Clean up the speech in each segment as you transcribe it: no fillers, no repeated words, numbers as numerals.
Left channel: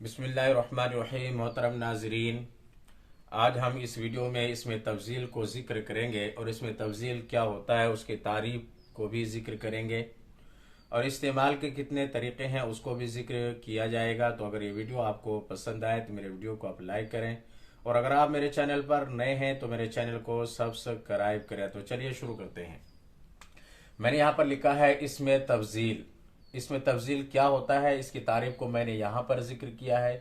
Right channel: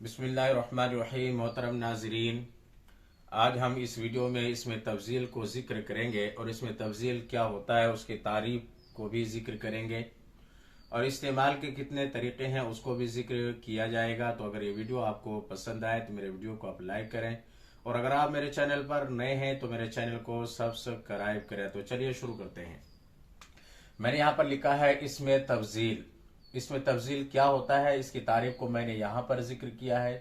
बिस्मिल्लाहिर्रहमानिर्रहीम। मोहतरम नाजरीन, आज हम इस वीडियो में इसमें तफजील को जिक्र करेंगे और इसमें तफजील क्या होता है उसके तारीफ को भी जिक्र करेंगे और इस्तेमाल के कितने तरीके हैं उसको भी जिक्र किया जाएगा। तो अगर ये वीडियो आपको पसंद आए तो मेरे वीडियो को आप लाइक करें और अगर आप मेरे चैनल पर नए हैं तो मेरे चैनल को सब्सक्राइब करें। तो चलिए शुरू करते हैं। मैंने यहाँ पर लिखा है इसमें तफजील। इसमें तफजील क्या होता है इसकी तारीफ को मैंने यहाँ पर जिक्र किया है।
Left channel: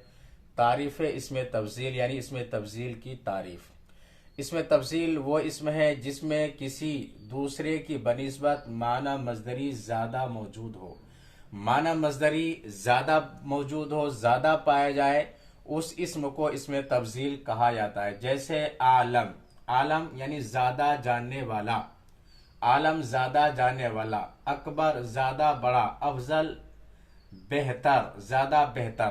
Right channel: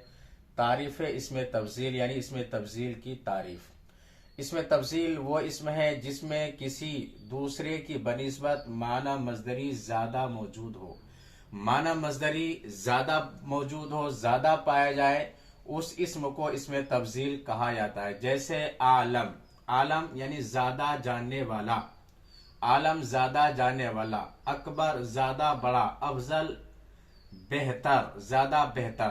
तारीफ है इसमें तफजील, यानी इसमें तफजील की तारीफ। इसमें तफजील वो इसम है जिसमें किसी दूसरे की बनिस्बत माना मजदरी ज्यादा मौजूद हो। माना मजदरी ज्यादा मौजूद हो, ज्यादा पाया जाए, उस इसम को इसमें तफजील कहा जाता है। जैसे आलम, आलम यानी ज्यादा जानने वाला, आलम ज्यादा जानने वाला। अकबर ज्यादा बड़ा, अफजल बेहतर, ज्यादा बेहतर।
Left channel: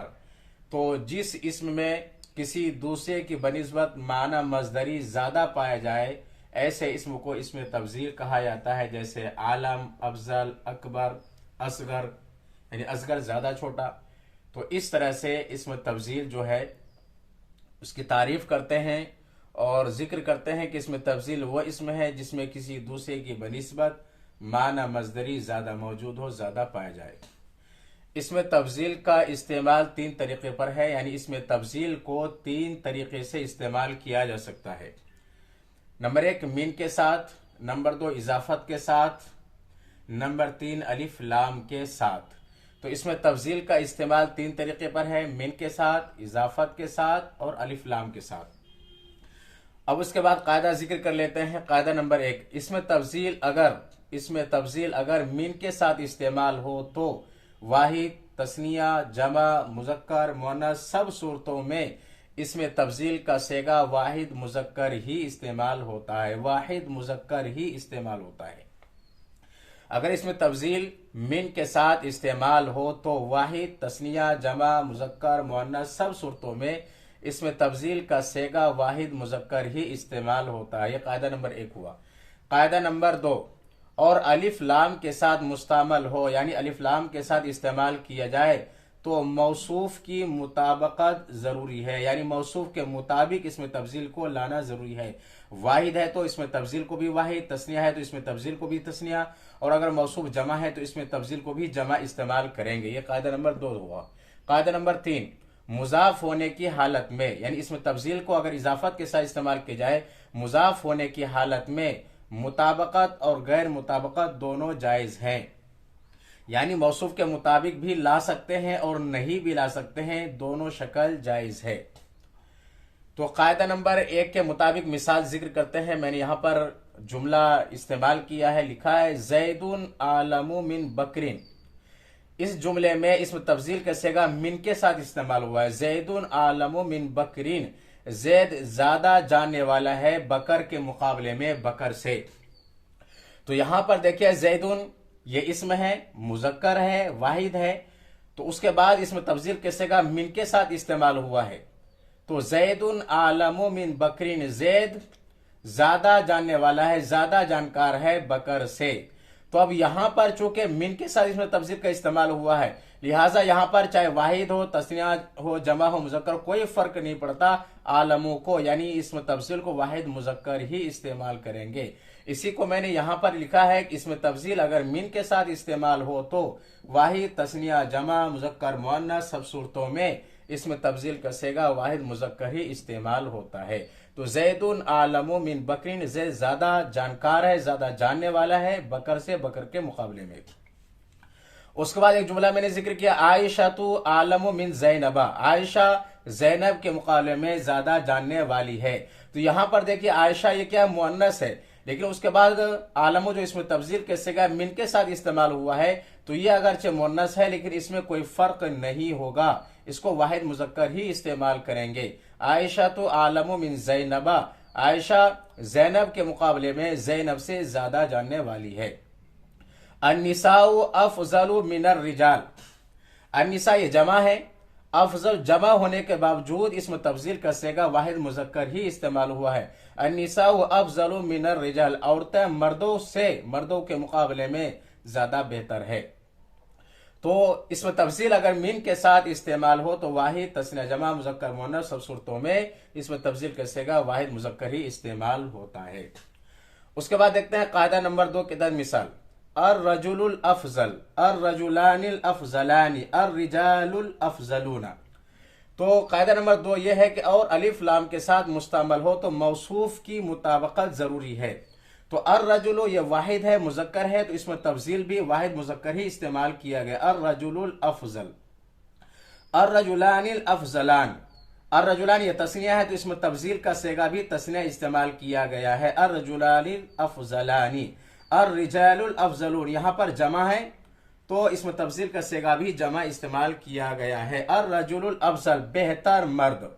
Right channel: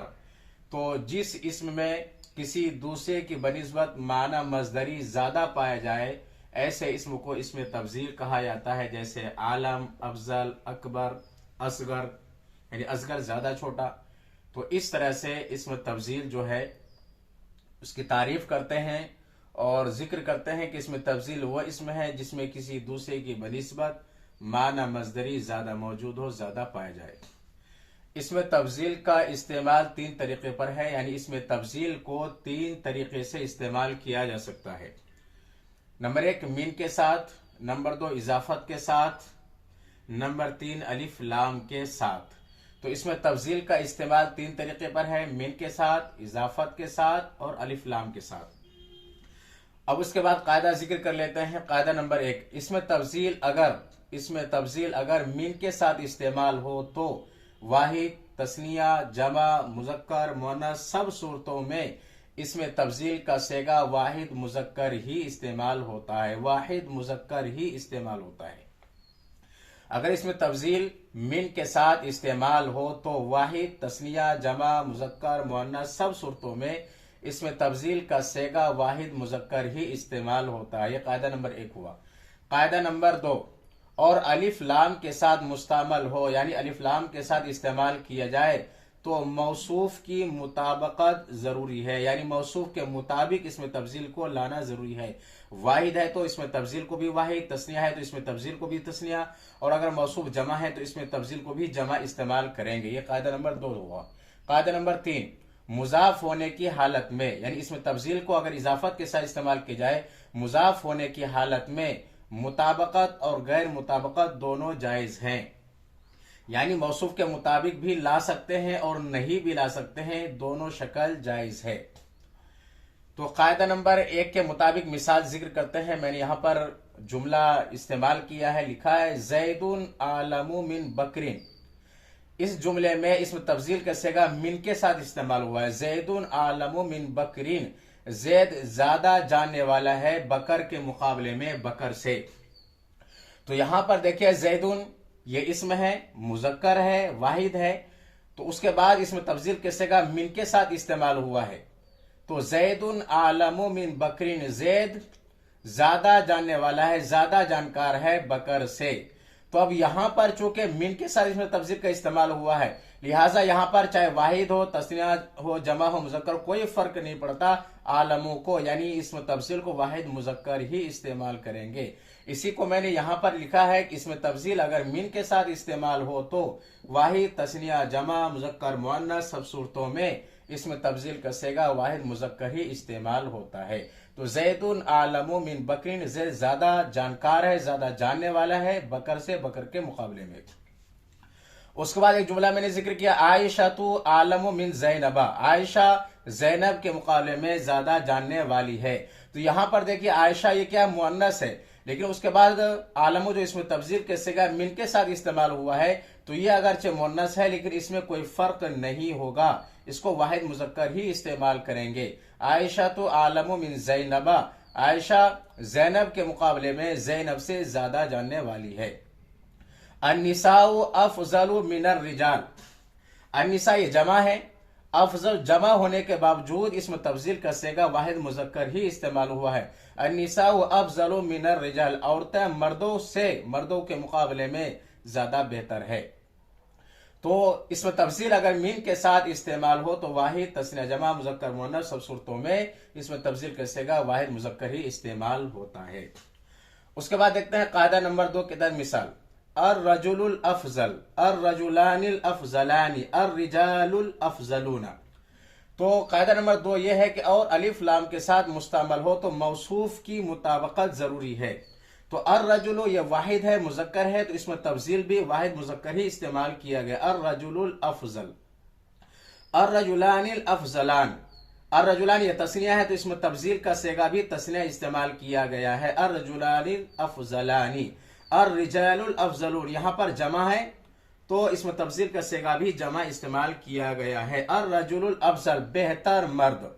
तो जिस इसम में किसी दूसरे की बनिस्बत माना मजदरी ज्यादा पाया जाए ऐसे इसम को इसमें तफजील कहा जाता है। जैसे आलम, अफजल, अकबर, असगर यानी असगर ज्यादा छोटा। तो इस तरह से इसमें तफजील जो है उसकी तारीफ करते हैं और जिक्र करते हैं कि इसमें तफजील वो इसमें है जिसमें किसी दूसरे की बनिस्बत माना मजदरी ज्यादा मौजूद हो, ज्यादा पाया जाए। इसमें तफजील का इस्तेमाल तीन तरीके पर है, यानी इसमें तफजील को तीन तरीके से इस्तेमाल किया जा सकता है। नंबर एक मीन के साथ, नंबर दो इजाफत के साथ, नंबर तीन अलिफ लाम के साथ। तो इसमें तफजील का इस्तेमाल तीन तरीके पर है, मीन के साथ, इजाफत के साथ और अलिफ लाम के साथ। अब उसके बाद कायदा जिक्र कर लेते हैं। कायदा नंबर एक, इसमें तफजील अगर मीन के साथ इस्तेमाल हो तो वाहिद, तस्निया, जमा, मुजक्कर, मुअन्नस सब सूरतों में इसमें तफजील का सेगा वाहिद मुजक्कर ही इस्तेमाल होता है। वाहिद मुजक्कर ही इस्तेमाल होता है। अगर इसमें तफजील मीन के साथ इस्तेमाल हो तो वाहिद, तस्निया, जमा, मुजक्कर, मुअन्नस सब सूरतों में इसमें तफजील का सेगा वाहिद मुजक्कर ही इस्तेमाल होता है। यह कायदा नंबर एक हुआ। कायदा नंबर दो, और अलिफ लाम के साथ मुस्तामल हो, यानी अलिफ लाम के साथ इस्तेमाल किया जाए तो मौसूफ की मुताबकत जरूरी है, यानी मौसूफ के मुताबिक इसमें तफजील को लाना जरूरी है। वाहिद है तो इसमें तफजील को भी वाहिद, तस्निया है तो इसमें तफजील को भी तस्निया, और अगर मौसूफ जमा है तो इसमें तफजील को भी जमा इस्तेमाल करेंगे। यह कायदा नंबर दो हुआ। कायदा नंबर तीन, मुजाफ होने की हालत में, यानी इसमें तफजील को अगर इजाफत के साथ इस्तेमाल किया जाए, मुजाफ होने की हालत में मुताबकत और गैर मुताबकत दोनों जायज हैं, यानी मौसूफ के मुताबिक भी ला सकते हैं और नहीं भी ला सकते हैं, दोनों शक्ल जायज है। तो कायदा नंबर एक के मुताबिक मिसाल जिक्र करते हैं। मैंने यहां पर जुमला इस्तेमाल किया है, लिखा है जैदुन आलमु मिन बकरिन। इस जुमले में इसमें तफजील का सेगा मिन के साथ इस्तेमाल हुआ है। जैदुन आलमु मिन बकरिन, जैद ज्यादा जानने वाला है बकर के मुकाबले में, बकर से। तो यहां पर देखिए जैदुन ये इसम है, मुजक्कर है, वाहिद है। तो उसके बाद इसमें तफजील के सेगा मिन के साथ इस्तेमाल हुआ है। तो जैदुन आलमु मिन बकरिन, जैद ज्यादा जानने वाला है, ज्यादा जानकार है बकर से। तो अब यहां पर चूंकि मिन के साथ इसमें तफजील का इस्तेमाल हुआ है, लिहाजा यहां पर चाहे वाहिद हो, तस्निया हो, जमा हो, मुजक्कर, कोई फर्क नहीं पड़ता। आलमों को यानी इसमें तफजील को वाहिद मुजक्कर ही इस्तेमाल करेंगे। इसी को मैंने यहां पर लिखा है कि इसमें तफजील अगर मिन के साथ इस्तेमाल हो तो वाहिद, तस्निया, जमा, मुजक्कर, मुअन्नस सब सूरतों में इसमें तफजील का सेगा वाहिद मुजक्कर ही इस्तेमाल होता है। तो जैदुन आलमु मिन बकरिन, जैद ज्यादा जानकार है, ज्यादा जानने वाला है बकर से, बकर के मुकाबले में। उसके बाद एक जुमला मैंने जिक्र किया, आयशा तू आलमु मिन जैनबा, आयशा जैनब के मुकाबले में ज्यादा जानने वाली है। तो यहां पर देखिए आयशा ये क्या मुअन्नस है, लेकिन उसके बाद आलमु जो इसमें तफजील के सेगा मिन के साथ इस्तेमाल हुआ है, तो ये अगरचे मुअन्नस है लेकिन इसमें कोई फर्क नहीं होगा, इसको वाहिद मुजक्कर ही इस्तेमाल करेंगे। आयशा तो आलमु मिन जैनबा, आयशा जैनब के मुकाबले में जैनब से ज्यादा जानने वाली है। अन्निसाउ अफजलु मिनर रिजाल, अन्निसा ये जमा है, अफजल जमा होने के बावजूद इसमें तफजील का सेगा वाहिद मुजक्कर ही इस्तेमाल हुआ है। अन्निसाउ अफजलु मिनर रिजाल, औरतें मर्दों से, मर्दों के मुकाबले में ज्यादा बेहतर है। तो इसमें तफसील अगर मीन के साथ इस्तेमाल हो तो वाहिद तस्निया जमा मुजक्कर मुअन्नस सब सूरतों में इसमें तफसील का सेगा वाहिद मुजक्कर ही इस्तेमाल होता है। उसके बाद देखते हैं कायदा नंबर 2 के तहत मिसाल, अर रजुलुल अफजल, अर रजुलानिल अफजलानी, अर रिजालुल अफजलूना। तो कायदा नंबर 2 यह है कि और अलिफ लाम के साथ मुस्तमल हो तो मौसूफ की मुताबकत जरूरी है। तो अर रजुलो यह वाहिद है, मुजक्कर है, तो इसमें तफजील भी वाहिद मुजक्कर ही इस्तेमाल किया गया। अर रजुलुल अफजल, अर रजुलानिल अफजलान, अर रजुलान यह तस्निया है तो इसमें तफजील का सेगा भी तस्निया इस्तेमाल किया गया है। अर रजुलानिल अफजलानी, अर रिजालुल अफजलून यहां पर जमा है तो इसमें तफजील का सेगा भी जमा इस्तेमाल किया गया है। अर रजुलुल अफजल बेहतर मर्द,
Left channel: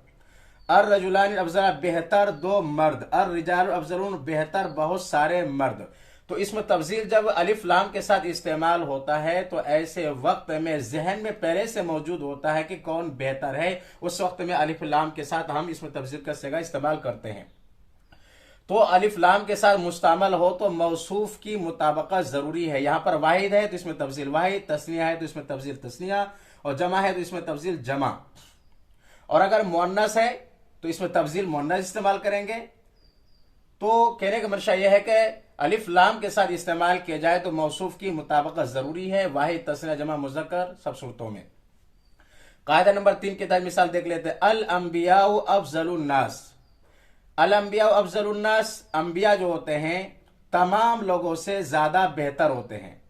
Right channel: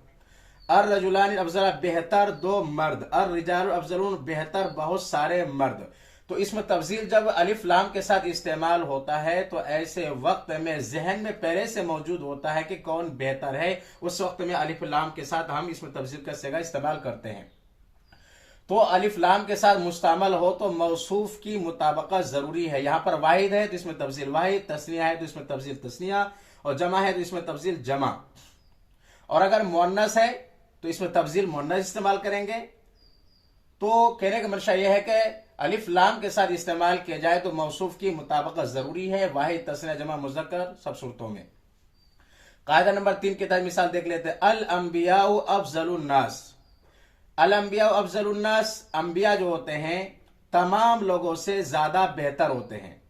अर रजुलानी अफजल बेहतर दो मर्द, अर रिजालुल अफजलून बेहतर बहुत सारे मर्द। तो इसमें तफजील जब अलिफ लाम के साथ इस्तेमाल होता है तो ऐसे वक्त में जहन में पहले से मौजूद होता है कि कौन बेहतर है, उस वक्त में अलिफ लाम के साथ हम इसमें तफजील का सेगा इस्तेमाल करते हैं। तो अलिफ लाम के साथ मुस्तमल हो तो मौसूफ की मुताबकत जरूरी है। यहां पर वाहिद है तो इसमें तफजील वाहिद, तस्निया है तो इसमें तफजील तस्निया, और जमा है तो इसमें तफजील जमा। और अगर मुअन्नस है तो इसमें तफजील मुअन्नस इस्तेमाल करेंगे। तो कहने का मंशा यह है कि अलिफ लाम के साथ इस्तेमाल किया जाए तो मौसूफ की मुताबकत जरूरी है, वाहिद तस्निया जमा मुज़क्कर सब सूरतों में। कायदा नंबर 3 के तहत मिसाल देख लेते हैं, अल अंबिया अफजलुन नास, अल अंबिया अफजलुन नास, अंबिया जो होते हैं तमाम लोगों से ज्यादा बेहतर होते हैं।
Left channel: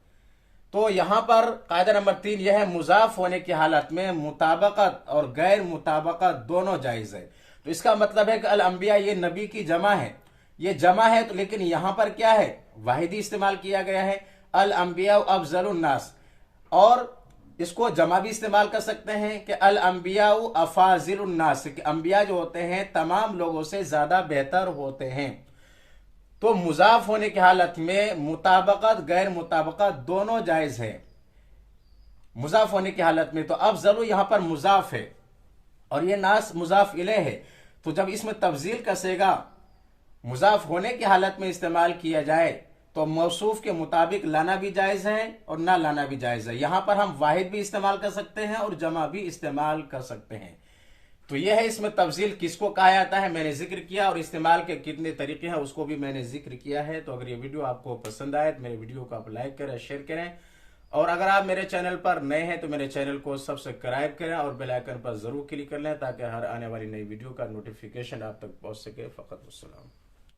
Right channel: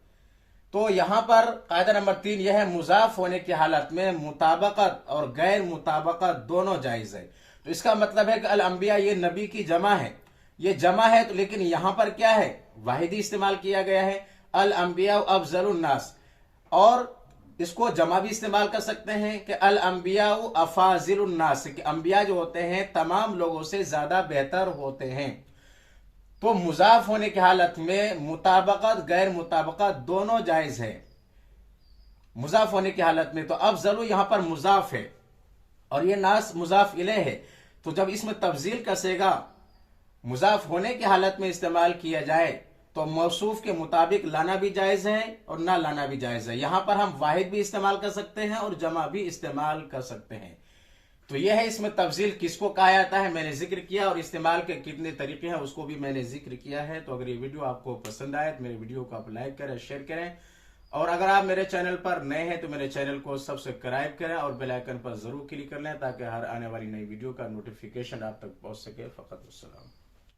तो यहां पर कायदा नंबर 3 यह है, मुजाफ होने की हालत में मुताबकत और गैर मुताबकत दोनों जायज है। तो इसका मतलब है कि अल अंबिया ये नबी की जमा है, ये जमा है तो लेकिन यहां पर क्या है, वाहिदी इस्तेमाल किया गया है, अल अंबिया अफजलुन नास। और इसको जमा भी इस्तेमाल कर सकते हैं कि अल अंबिया अफाजिलुन नास, कि अंबिया जो होते हैं तमाम लोगों से ज्यादा बेहतर होते हैं। तो मुजाफ होने की हालत में मुताबकत गैर मुताबकत दोनों जायज है। मुजाफ होने की हालत में तो अफजलु यहां पर मुजाफ है और ये नास मुजाफ इले है। तो जब इसमें तफजील का सेगा मुजाफ होने की हालत में इस्तेमाल किया जाए तो मौसूफ के मुताबिक लाना भी जायज है और ना लाना भी जायज है। यहां पर हम वाहिद भी इस्तेमाल कर सकते हैं और जमा भी इस्तेमाल कर सकते हैं। तो यह है इसमें तफजील किसको कहा जाता है मैंने जिक्र किया, और इस्तेमाल के कितने तरीके हैं उसको भी मैंने जिक्र किया है। तो अगर ये वीडियो आपको पसंद आए तो मेरे वीडियो को आप लाइक करें, शेयर करें, और अगर आप मेरे चैनल पर नए हैं तो मेरे चैनल को सब्सक्राइब करें और बेल आइकन पर जरूर क्लिक कर लें ताकि हर आने वाली नई वीडियो का नोटिफिकेशन आप तक पहुंच सके। फकत अस्सलाम।